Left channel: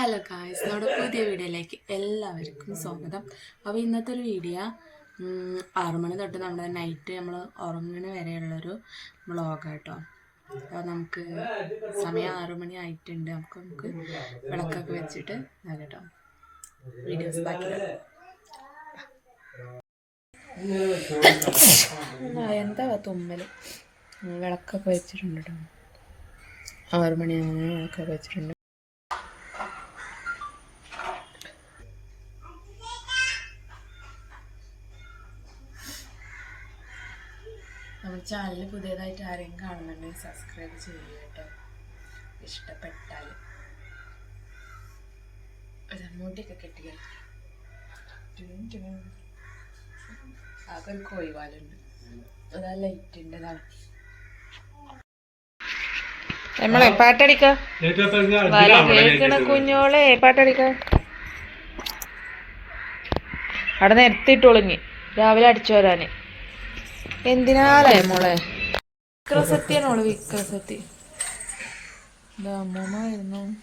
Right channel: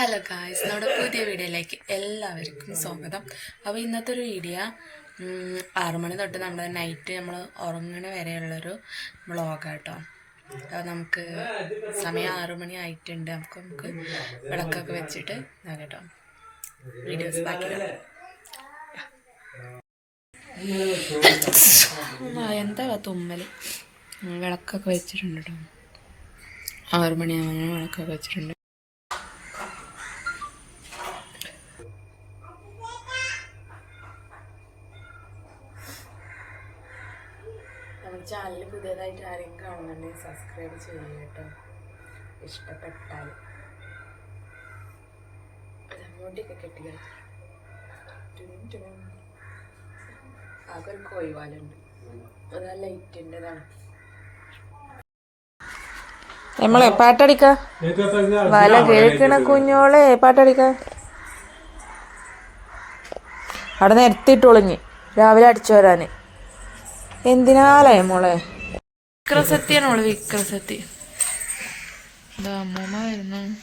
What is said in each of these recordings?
Hello guys നമ്മുടെ പുതിയ വീഡിയോയിലേക്ക് എല്ലാവർക്കും സ്വാഗതം. അപ്പോൾ ഇന്നത്തെ ഒരു വീഡിയോ ആറു ആറ് മണി തൊട്ട് നമ്മുടെ നൈറ്റ് നമ്മൾ ഉറങ്ങണ വരെയുള്ളൊരു വ്ളോഗ് കേട്ടോ. അപ്പോൾ നമുക്ക് സമയം ആറു മണി ആയിട്ടുണ്ട്. നമുക്ക് നമുക്ക് വിളക്കൊക്കെ വെച്ചിട്ട് കേട്ടോ. വീഡിയോസ് ബാക്കി കാണാം. ആ, എന്താ തുമ്മൽ വിളക്കൊക്കെ വെച്ചിട്ടുണ്ട് കേട്ടോ. ആറു മണിയാകുമ്പോൾ വിളക്കൊക്കെ വെച്ചിട്ടുണ്ട്. ചാനൽ പുതിയതായിട്ട് ആരെയും കാണുന്നുണ്ടെങ്കിൽ സബ്സ്ക്രൈബ് ചെയ്യുക കേട്ടോ. ഇഷ്ടപ്പെട്ടാൽ. ഒരു മുടിയൊക്കെ കെട്ടി ആകെ ഒരു കോയിവാലുണ്ട് അതാ ലൈറ്റിന്റെതാണ്. നമ്മളെ പാട്ടടിക്ക. വല കേൾക്കണ കുഞ്ഞോളെ പാട്ടടിക്ക. അവിടെ നിരത്തിട്ടൊളിഞ്ഞ് രാവിലെ അടിച്ചു വരാന്. എന്തിനാലേ? മോളെ? വിക്രസത്യാണ് മോളെ വിക്രസത്തി. അമ്മൂമ്മ വരുന്നു.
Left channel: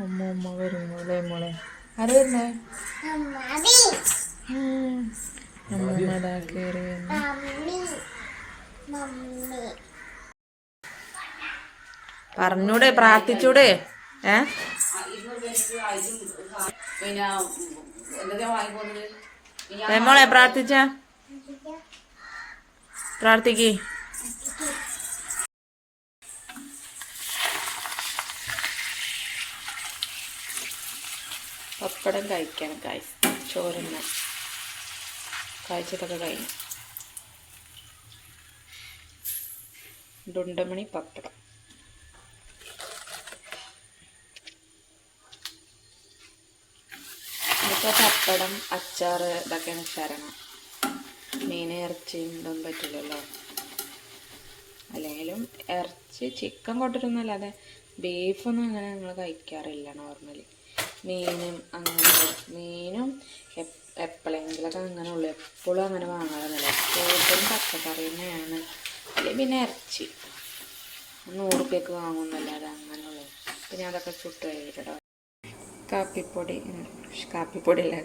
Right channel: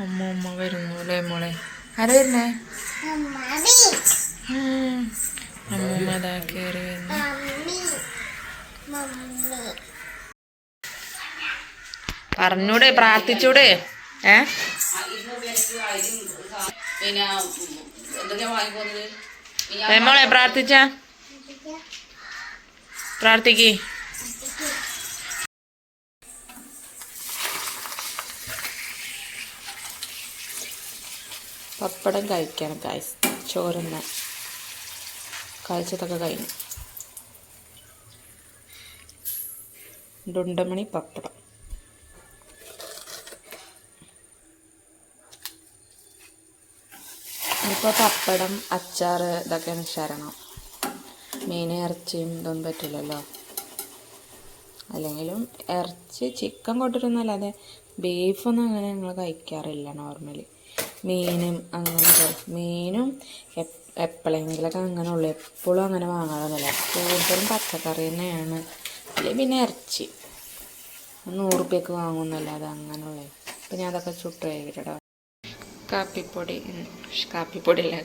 അമ്മൂമ്മ വരുന്നു അല്ലേ മോളെ? ആരാ വരുന്നേ? ഉം. അമ്മൂമ്മ അതാ കയറി വരുന്നു. പറഞ്ഞൂടെ പ്രാർത്ഥിച്ചൂടെ? ഏ? ഏ, മോളെ പ്രാർത്ഥിച്ച? പ്രാർത്ഥിക്കേ. പപ്പടം കഴിക്കണം കായ്സ് ചോറുന്ന കഴിച്ചതൊക്കെ കഴിഞ്ഞു. ഡുണ്ടമണി പപ്പടം. ഇപ്പോൾ പപ്പടം അച്ചാർ ഇതൊക്കെയാണ് ശരണം മീൻ ഇറച്ചിയും ഇതൊന്നും പറ്റില്ലല്ലോ അല്ലെങ്കിലും ഇറച്ചി ചിക്കൻ കൊണ്ടിരുന്നല്ലാതെ ബീഫൊന്നും അങ്ങനെ ഞങ്ങൾ കഴിക്കാറില്ല നോർമലി മീനും അങ്ങനെ മീനും എപ്- എപ്പോഴെങ്കിലൊക്കെ അങ്ങനെ ഉള്ളു. എപ്പോഴും അങ്ങനെ വാങ്ങാറൊന്നുമില്ല. കൂടുതലും പച്ചക്കറി തന്നെയാണ്. അല്ലെങ്കിൽ പിന്നെ ഇറച്ചി. നൂറ് രൂപയ്ക്ക് വാങ്ങുന്നല്ലാതെ അങ്ങനെയുള്ളത് പിന്നെ അതൊക്കെ ചുട്ട് കഴിക്കട്ടോ കാപ്പിപ്പൊടി കാപ്പിപ്പൊടി അല്ല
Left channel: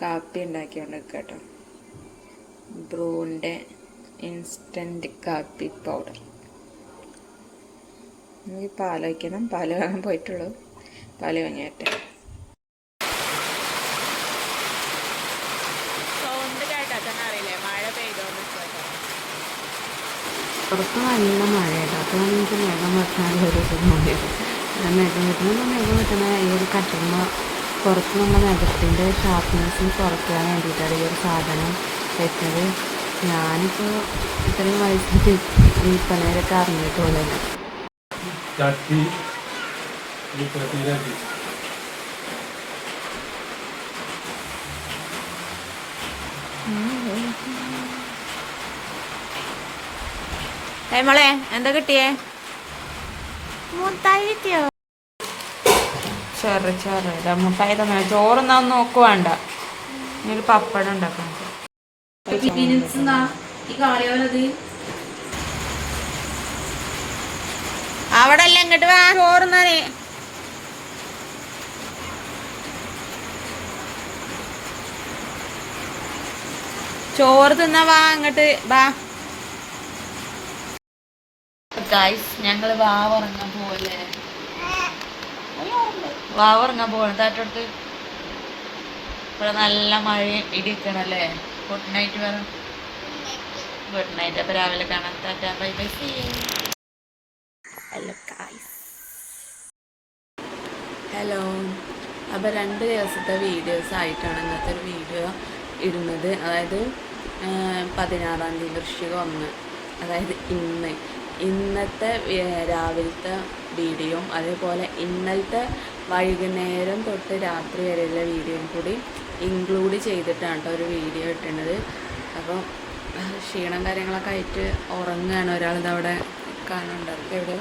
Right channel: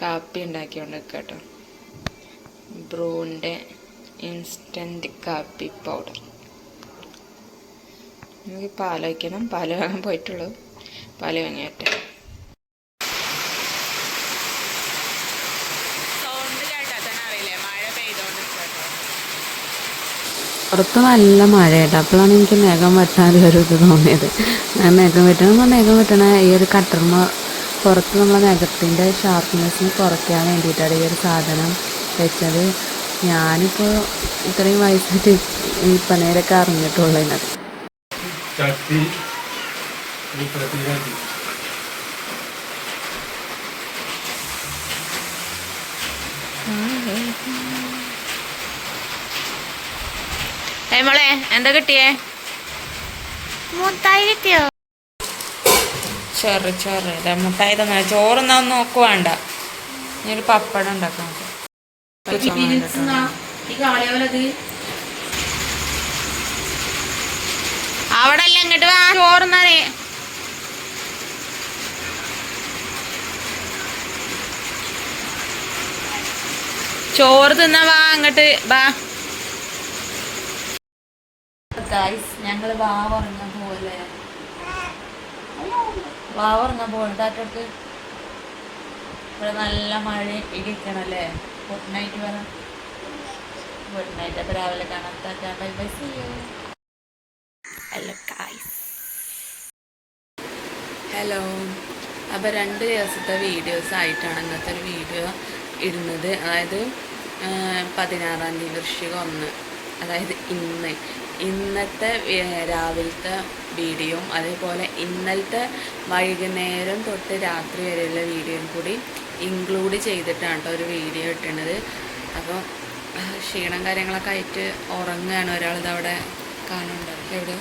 കാപ്പി ഉണ്ടാക്കിക്കൊണ്ട് കേട്ടോ ബ്രൂന്റെ ഇൻസ്റ്റന്റ് കാപ്പി പൗഡർ. നമുക്ക് പാൽ വയ്ക്കണം പാൽ വാങ്ങാൻ പോയിട്ടുള്ളൂ. പാൽ വാങ്ങിയട്ടെ സൗണ്ട് കേട്ടാൽ തന്നെ അറിയില്ലേ മഴ പെയ്തോണ്ട് കേട്ടോ പുറത്ത് നല്ല മഴയായിട്ട് അപ്പോഴാണ് എനിക്ക് മേഘം വെട്ടാനുള്ളൊരു ഇത് തോന്നിയത്. ഞാൻ മേഘം വെട്ടണം മേഘം വെട്ടണ ഈ ഒരു കട്ടർമ പുറത്ത് നമ്മളെ മേഘത്തിന്റെ ഷാർപ്നെസ്സിന് കുറയ്ക്കാൻ വേണ്ടിയിട്ടാണ് ഈ ഒരു സാധനം വെച്ചത്. ഞാനിപ്പോൾ ഇത്രയും വയസ്സായിട്ട് ഈ പനവരൊക്കെ അറിഞ്ഞിട്ടുള്ളൂ എന്നത് ചട്ടി ഏ മോളെ എന്താ കിട്ടിയേ? മുട്ടായി കിട്ടിയോ? ചോറ് ചോറ്. ഇതാ മുട്ടായി തന്നെ ചോറൊന്നും ഒന്നും നോക്ക് വേണ്ട. ഒരു പപ്പടം ഉണ്ടാക്കാം. അവിടെ അല്ല ഇങ്ങോട്ട് വാ. ചോറുന്നാനേ ചോറ് തിന്നാ വാ അങ്ങോട്ട് വാ. ഗൈസ് ഞങ്ങൾ വാവറങ്ങ പോലെ വാവറങ്ങാൻ പോലെ താറ്റോട്ട് ഇവിടെ നല്ല മഴ ഇടിക്കണല്ലേ ഗുഡ് നൈറ്റ് പറ ഗുഡ് നൈറ്റ് അപ്പൊ രാവിലെ കാണാം. Tata bye bye. See hello guys hello അപ്പോൾ രണ്ട് ദിവസത്തെ വീഡിയോസ് ആയിട്ടാണ് ഇന്നത്തെ ഒരു വീഡിയോ ഇടുന്നത്. അതായത് പതിനാറാം തീയതി വൃശ്ചികം ഒന്ന്. അതായത് ഇന്ന്. ഇന്നത്തെ രാവിലത്തെ വീഡിയോയും അതേപോലെ ഇന്നലത്തെ വൈകുന്നേരം തൊട്ട് രാത്രി വരെയുള്ള വീഡിയോയും കൂടി ഇൻക്ലൂഡ് ചെയ്തിട്ടാണ് കേട്ടോ ഒരു വീഡിയോ ഇട്ടുന്നത് അപ്പോൾ ക്ഷീണം കാര്യങ്ങളൊക്കെ ആയിട്ട് ഉറങ്ങുകയാണ് ഒരാളിത് അവിടെ കാണുന്നുണ്ട്. എവിടെ?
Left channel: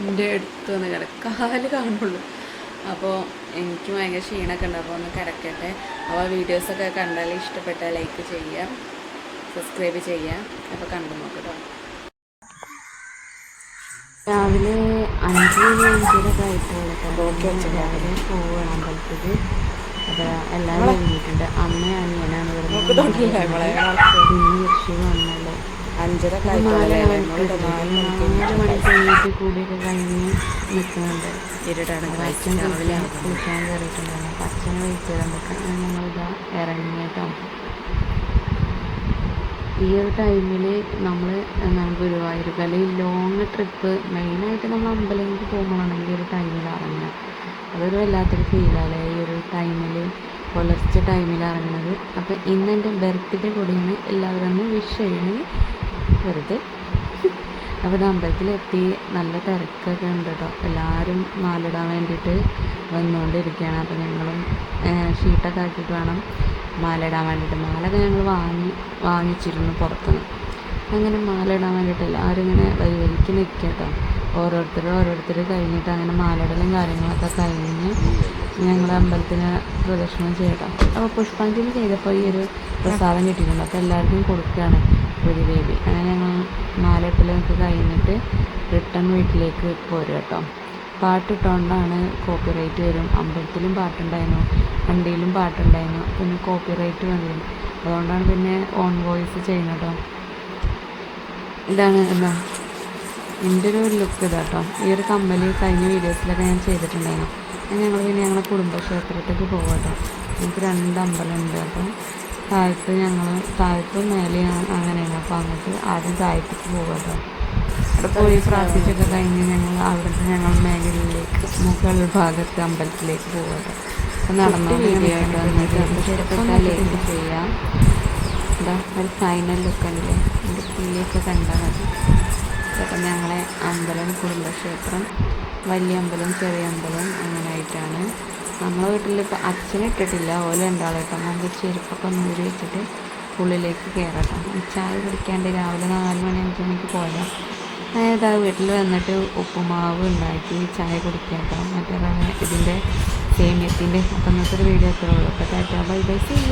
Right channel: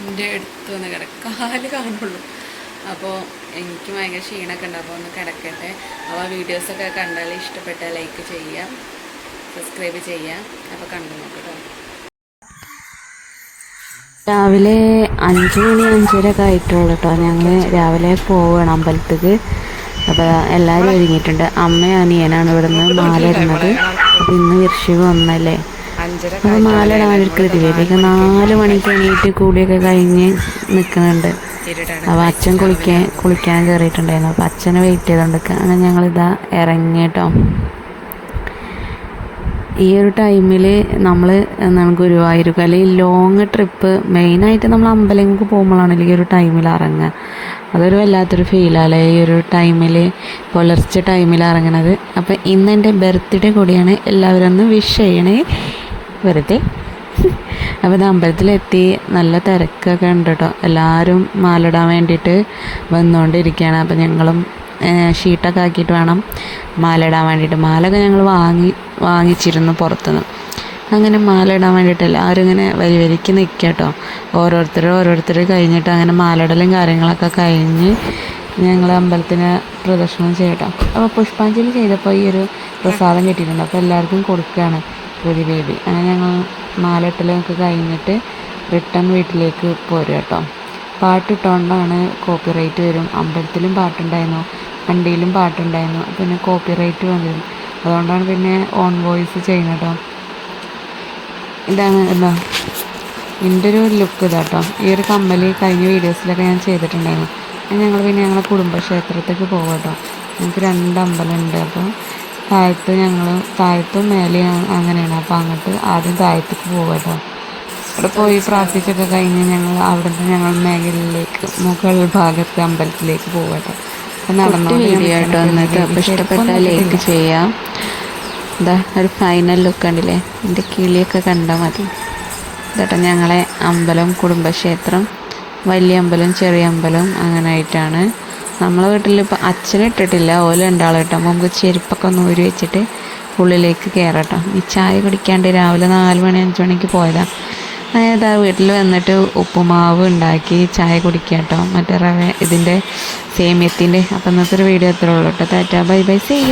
എന്റെ അടുത്ത് വന്ന് കിടക്കും. കാൽ കാണുള്ളൂ. അപ്പോൾ എനിക്ക് ഭയങ്കര ക്ഷീണമൊക്കെ ഉണ്ട്. അപ്പോൾ ഒന്ന് കിടക്കട്ടെ. അപ്പോൾ വീഡിയോസൊക്കെ കണ്ടാൽ ഇഷ്ടപ്പെട്ടാൽ ലൈക്ക് ചെയ്യാം സബ്സ്ക്രൈബ് ചെയ്യാം. അപ്പോൾ കണ്ടു നോക്കട്ടോ രാവിലെ അഞ്ച് മണി അഞ്ചര ഒക്കെ ആയിട്ടുള്ളൂ കേട്ടോ ഞങ്ങൾ രാവിലെ പോവണം അമ്പലത്തേക്ക്. അപ്പോൾ എല്ലാവരും ഒരുങ്ങിയിട്ടുണ്ട്. അമ്മയും അനിയനാണ് ഇവിടെ നിന്ന് മാല ഇടുന്നത്. ഇന്ന് വിർഷിവ് ഒന്നല്ലേ അപ്പോൾ മാല അവർക്ക് ഇതിലേക്ക് നാല് മണിക്ക് എണീറ്റ് കൂടിയൊക്കെ കഴിഞ്ഞ് നിൽക്കുന്നുണ്ട്. അപ്പോൾ അച്ഛൻ കുളിക്കാൻ കുളിക്കാൻ കയറിയിട്ടുണ്ടായിരുന്നു. അപ്പോൾ അച്ഛനെ വെയിറ്റ് ചെയ്തുകൊണ്ടിരിക്കുക അങ്ങനെ ഞങ്ങളിതാ ഇറങ്ങി കേട്ടോ ഈ ഒരു ടൈമിൽ നമ്മൾ എന്താണ് ഗുരുവായൂർക്ക് അല്ലെങ്കിൽ ലോങ് ട്രിപ്പ് മെയിനായിട്ട് നമ്മൾ അമ്പലങ്ങൾക്ക് പോകുമ്പോഴാണ് ഈ ഒരു ടൈമിൽ ഇറങ്ങുക. അതൊരു വല്ലാത്തൊരു ഫീലല്ലേ ഈ ഒരു ടൈമിൽ പുലർച്ചെ ടൈമിൽ ഇറങ്ങണത്. അപ്പോൾ ഇന്ന് എന്റെ ബർത്ത്ഡേ കൂടിയാണ്. എല്ലാവരും ഒന്ന് വിഷ് ചെയ്യണേ. വെറുതെ. അപ്പോൾ ഇത് അമ്പലത്തിലെത്തി നല്ല തിരക്കൊക്കെ ഉണ്ട് കേട്ടോ എല്ലാവരും മാലിടാൻ വേണ്ടിയിട്ട് വന്നുകൊണ്ടിരിക്കുകയാണ്. അപ്പോൾ ഞങ്ങളും ഷീട്ടൊക്കെ ആക്കിയിട്ട് വേണം മാല ഇടാൻ വേണ്ടിയിട്ട്. മാലൊക്കെ ഞങ്ങൾ വാങ്ങി വാങ്ങിച്ചിരുന്നു പുറത്തുനിന്ന് അങ്ങനെ മാല ഇടാൻ വേണ്ടിയിട്ട് എല്ലാവരും വരി വരിക്ക് നിൽക്കുക കേട്ടോ ഓരോരുത്തർ ഓരോരുത്തർ കഴിഞ്ഞിട്ട് അങ്ങനെ മാലയിടലും കാര്യങ്ങളൊക്കെ കഴിഞ്ഞ് ഞങ്ങൾ അമ്പലത്തിന് പ്രദർശനം ചെയ്യട്ടോ. അപ്പോൾ പുഷ്പാഞ്ജലി ചെയ്തപ്പോൾ ഈ ഒരു പ്രസാദം കിട്ടിയിട്ടുണ്ട് അപ്പോൾ എല്ലാവർക്കും കൊടുക്കുകയാണ് ഒരു ബേബി അങ്ങനെ ഞങ്ങൾ മാലയിട്ടലൊക്കെ കഴിഞ്ഞിട്ട് റിട്ടേൺ വീട്ടിലേക്ക് പോരും കേട്ടോ പാട്ടിട്ടുകൊണ്ടാണ് കോപ്പി റൈറ്റ് വരും. അമ്പലത്തിലും പാട്ടുണ്ടായിരുന്നു വണ്ടിയിലും പാട്ടുണ്ടായിരുന്നു പിന്നെ കോപ്പിറൈറ്റ് വന്നിരുന്നു അതുകൊണ്ടാണ് പിന്നെ ഓൺ വോയിസ് ചെയ്യുന്നത് കേട്ടോ. ഇതാണ് എന്താ എന്റെ ഒരു ലുക്ക് ഇതാട്ടോ ഈ ഒരു കമ്മൽ കഴിഞ്ഞ വീഡിയോസിലൊക്കെ ഞാൻ ചെയ്തിട്ടുണ്ടായിരുന്നു. ഞങ്ങൾ പിന്നെ ഞങ്ങളുടെ കുടുംബക്ഷേത്രത്തേക്ക് പോകും കേട്ടോ. ഞങ്ങൾക്ക് രണ്ട് അമ്പലമുണ്ട്. അപ്പോൾ താഴത്ത് ഞങ്ങൾ താഴത്തും മേലെയും അങ്ങനെയാണ്. അപ്പോൾ അങ്ങോട്ട് ആദ്യം താഴത്തേക്ക് പോകും കേട്ടോ. അവിടെ പോയി പ്രാർത്ഥിച്ചൊക്കെ കഴിഞ്ഞ് ഞങ്ങൾ അവിടുന്ന് ഞങ്ങൾ മേഖലയിലേക്ക് മുകൾ ഭാഗത്തെ അമ്പലത്തിലേക്ക് പോകട്ടെ അപ്പം നടന്നു വീഡിയോ ആയിട്ട് അപ്പോൾ ലൈക്ക് ചെയ്യാം. എന്താ ഒരു ഫൈനൽ ലുക്ക് കണ്ടില്ലേ? എന്റെ കിളിയൊക്കെ കണ്ടാൽ മതി. ചേട്ടാ ഞങ്ങളെ അമ്പലം കുടുംബക്ഷേത്രം വലിയ അമ്പലം ചെറിയ അമ്പലം അങ്ങനെ ആയിട്ടാണ്. നമ്മളെ വീട്ടിൽ ഇപ്പോൾ അച്ഛനിട്ടിട്ടില്ല ഓല ഉണ്ടാളും കേട്ടോ അപ്പോൾ നമുക്ക് ചെരുപ്പൊക്കെ ഒന്ന് ഊരി വെച്ചിട്ട് ഉള്ളിലേക്ക് കയറട്ടോ ഈ ചായ കുടിക്കാണ്ട് രാവിലെ നാല് മണി അഞ്ച് മണിക്ക് പോയതാണ് അതായത് ആ വീട്ടിൽ വന്നിട്ട് ഉപ്പുമാവ് ഉണ്ടാക്കി ചായ കുടിക്കുക കേട്ടോ. മറ്റേ ഇതിന്റെ സേമിയത്തിന്റെ. അപ്പം ഇന്നത്തെ ഒരു വീഡിയോ അത്രേ ഉള്ളൂ കേട്ടോ. Tata bye bye see you.